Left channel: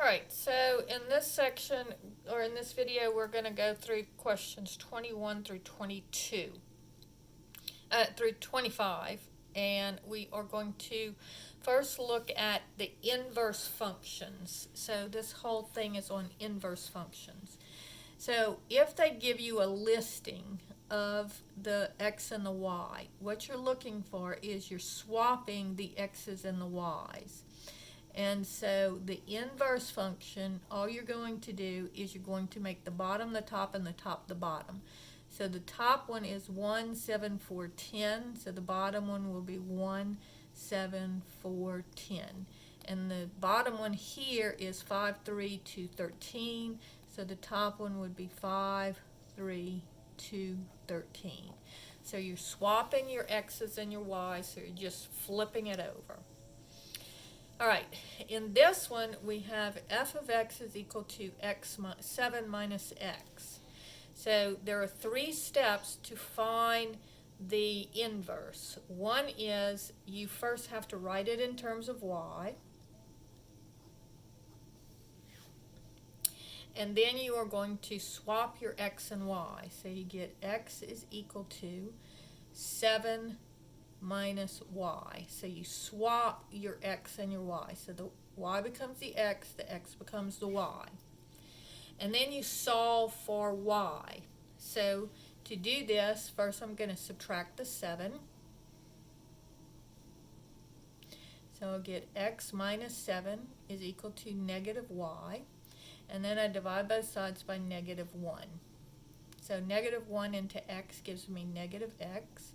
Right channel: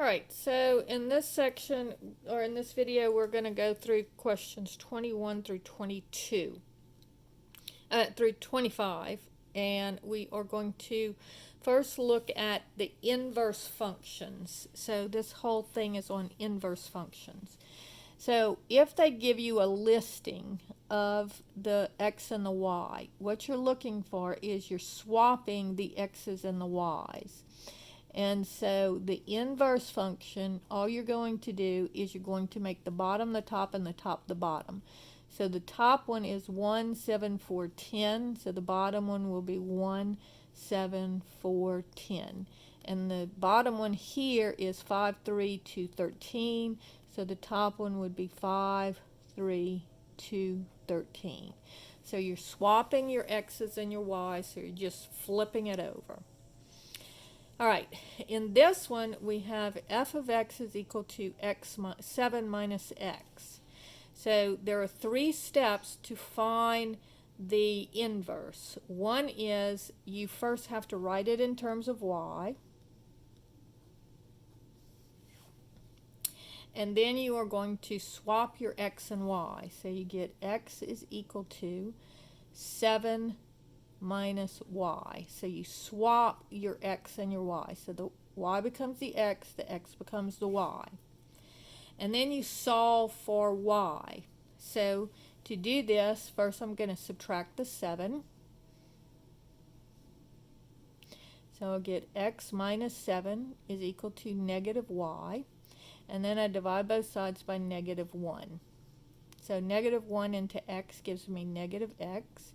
Alright, so in this section, or in this video, we're going to go through questions 21 through 22, through 25, and we are going to first look at the inverse functions. So this whole thing is on inverse functions. So if they give you a listing of the x and the y, what you're looking for is you're swapping the x's and the y's. And so the inverse function, all you're going to do is you're going to make the bottom the top and the top the bottom. So the top one is 1, 7, 4, 10. So the bottom one will be 1, 7, 4, 10. And the bottom one here is 5, 3, 2, 13. So the top one would be 5, 3, 2, 13. So you're swapping your x's and your y's, so you're just flipping it over. Alright, in this one we have f of x is equal to 7 minus x. So there are three steps to find the inverse. One is you first have to write it in terms of y. And then you are going to swap your x and y. So you get x is equal to 7 minus y. So you swap your x and your y. So the y becomes the x becomes the y. And then you solve for y. So to do this, first I'm going to subtract the 7. So I'll get x minus 7 is equal to negative y. And then I divide both sides by negative 1. So negative 1 into x gives me negative x.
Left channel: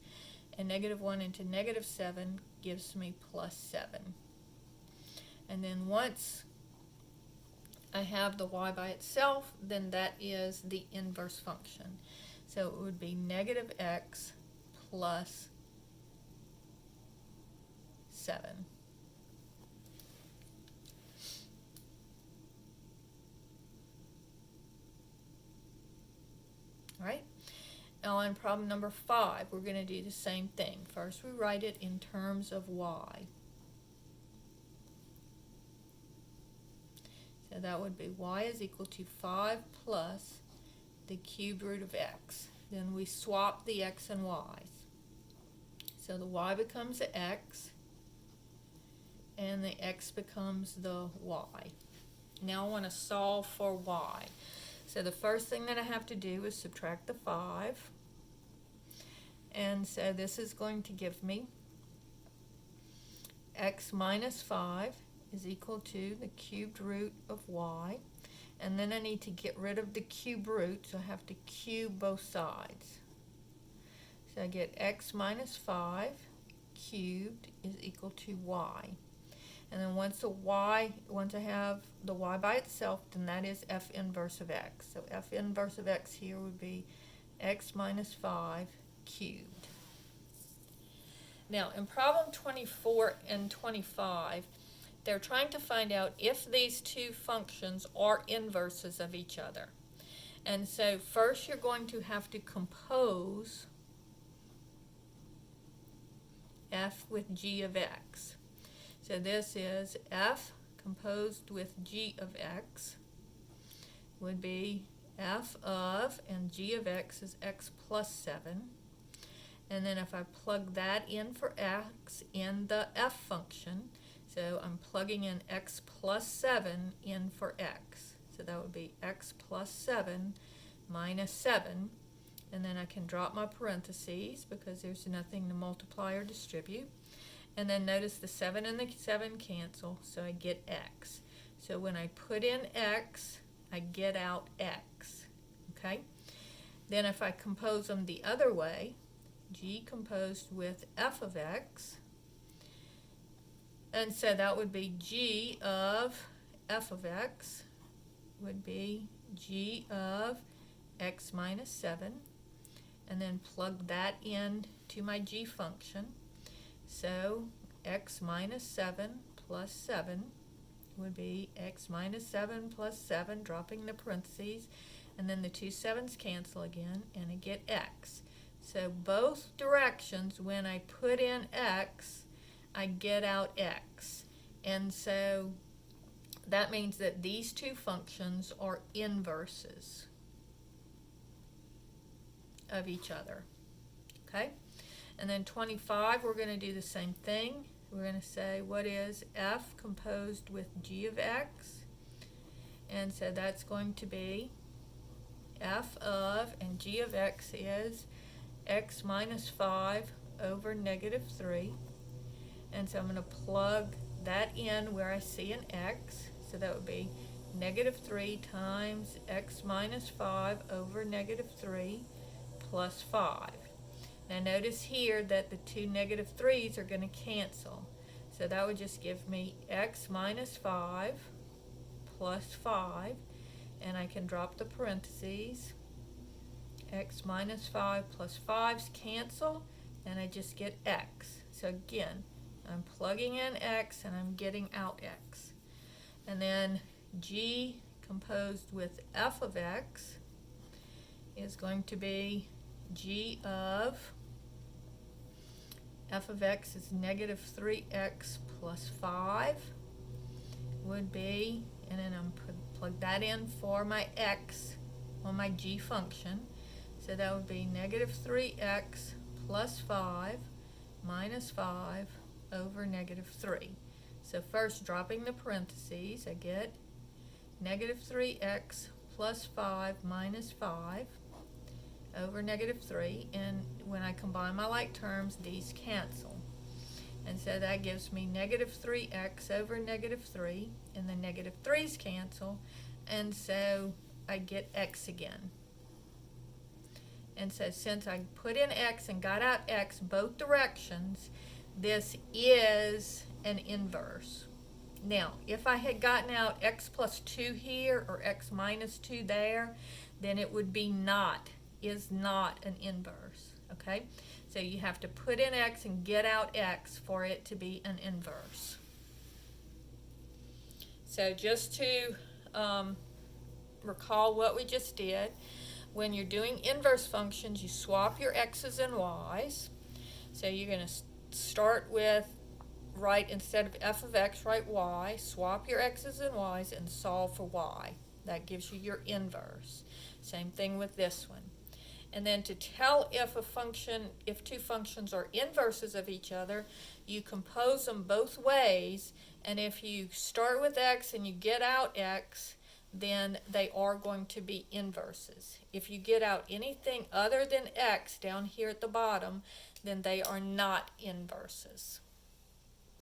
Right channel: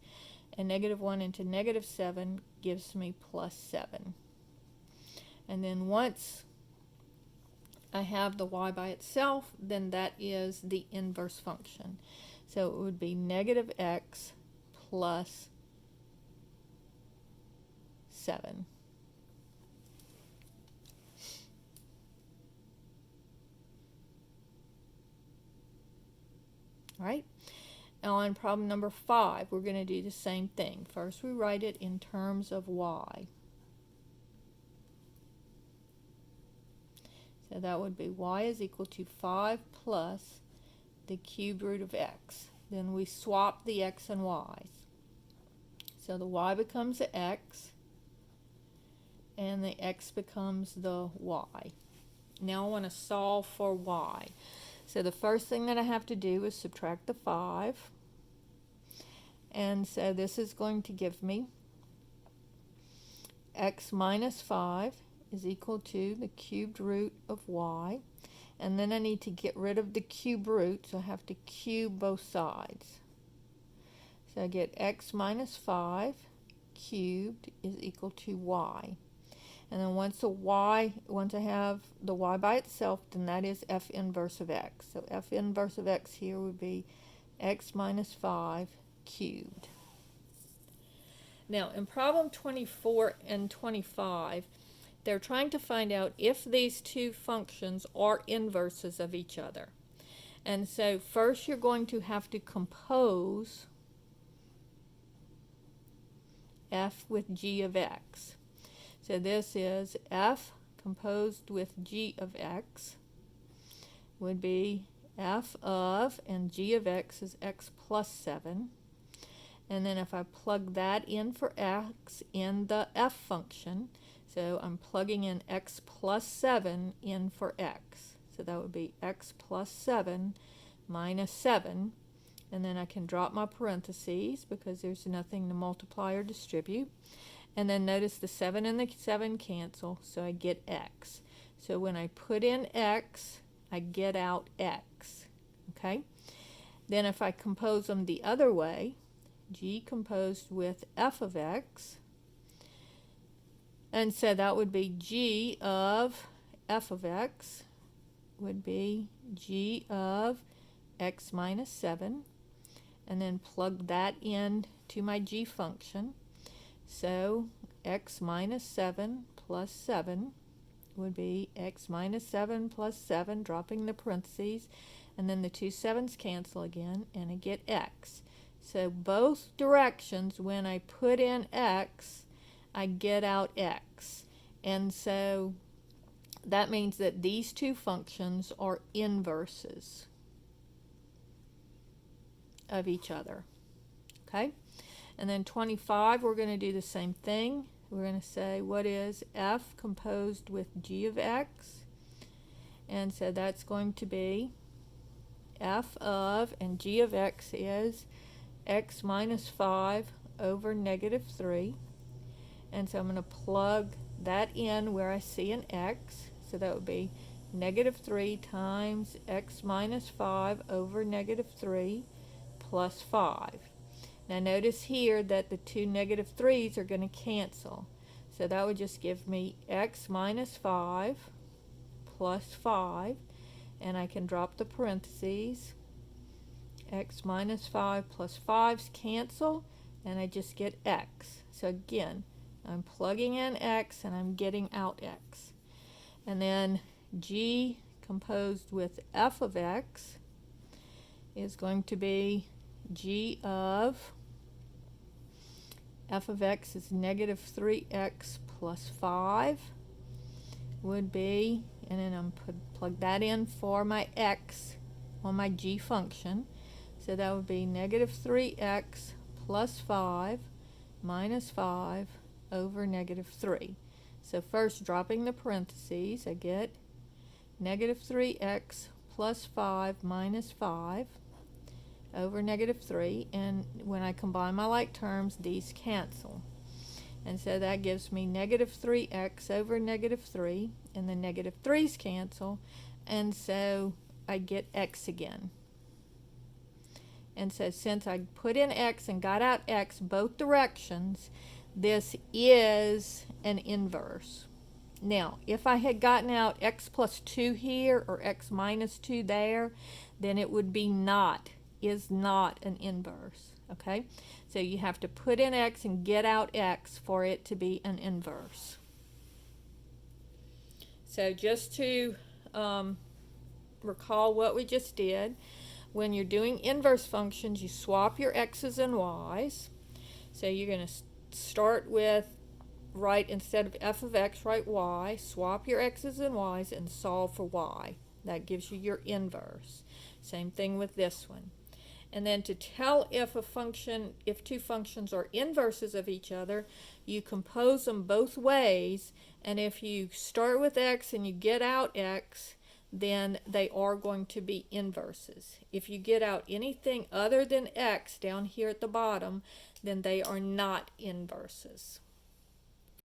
And negative 1 into negative 7 gives me plus 7. And then once I have the y by itself, then that is the inverse function. So it would be negative x plus 7. All right. On problem number 5, we're going to do the same thing. First, we write it in terms of y. So that would be y is equal to 5 plus the cubed root of x. Then we swap the x and y's. So the y becomes the x, and the x becomes the y. Now I want to solve for y. So the first thing that I have to do is subtract the 5. And so this is going to give me x minus 5 is equal to the cubed root of y. And then I need to get rid of the cube root, so I have to cube both sides. So I get x minus 5 cubed is equal to y. And then once I have the y by itself, then that is f inverse of x. So f inverse of x here would be x minus 5 cubed. Now in problem 24 and 25, they're trying to find out if these two functions are inverses of each other. And so first you're going to have to compose f with g of x. So this is f composed with g of x would be f of, and g of x is x plus 7. And then if I plug that in for x in the f function, so I'm plugging in x plus 7 in for x. So that would be x plus 7 minus 7. And then I can drop my parentheses because there's nothing to multiply or distribute. And then notice the 7 and the 7 cancel, so I get x. So when I put in x, I get out x. Okay? Then if I compose them the other way, g composed with f of x, and so that would be g of f of x would be g of x minus 7, and then plug that in to my g function. So x minus 7 plus 7 would be x minus 7 plus 7, dropping the parentheses, and then the two 7's cancel again, and I get x. So both directions, when I put in x, I get out x. And so that means that these two functions are inverses of each other. Okay? And then 25, we're going to do the same thing. We're going to say, what is f composed with g of x? And so that's going to be f of, and g of x is x minus 5 over negative 3. And so I'm going to plug that in where I see an x. So that would be negative 3 times x minus 5 over negative 3 plus 5. Now notice here that the two negative 3's are going to cancel. So that would just give me x minus 5 plus 5. And I can drop the parentheses. X minus 5 plus 5's cancel. And I just get x. So again, I'm plugging in x and I'm getting out x. And then g composed with f of x is going to be g of f of x is negative 3x plus 5 would be, and then I'm plug that in for my x on my g function. So that would be negative 3x plus 5 minus 5 over negative 3. So first, dropping the parentheses, I get negative 3x plus 5 minus 5 over negative 3, and when I combine my like terms, these cancel. And so that gives me negative 3x over negative 3, and the negative 3's cancel, and so I get x again. And so since I put in x and got out x both directions, this is an inverse. Now, if I had gotten out x plus 2 here or x minus 2 there, then it would be is not an inverse. Okay? So you have to put in x and get out x for it to be an inverse. So just to recall what we just did, when you're doing inverse functions, you swap your x's and y's. So you're going to start with, instead of f of x, write y, swap your x's and y's, and solve for y. That gives you your inverse. Same thing with this one. And then to tell if two functions are inverses of each other, you compose them both ways, and if you start with x and you get out x, then they are going to be inverses. If you get out anything other than x down here at the bottom, then they are not inverses.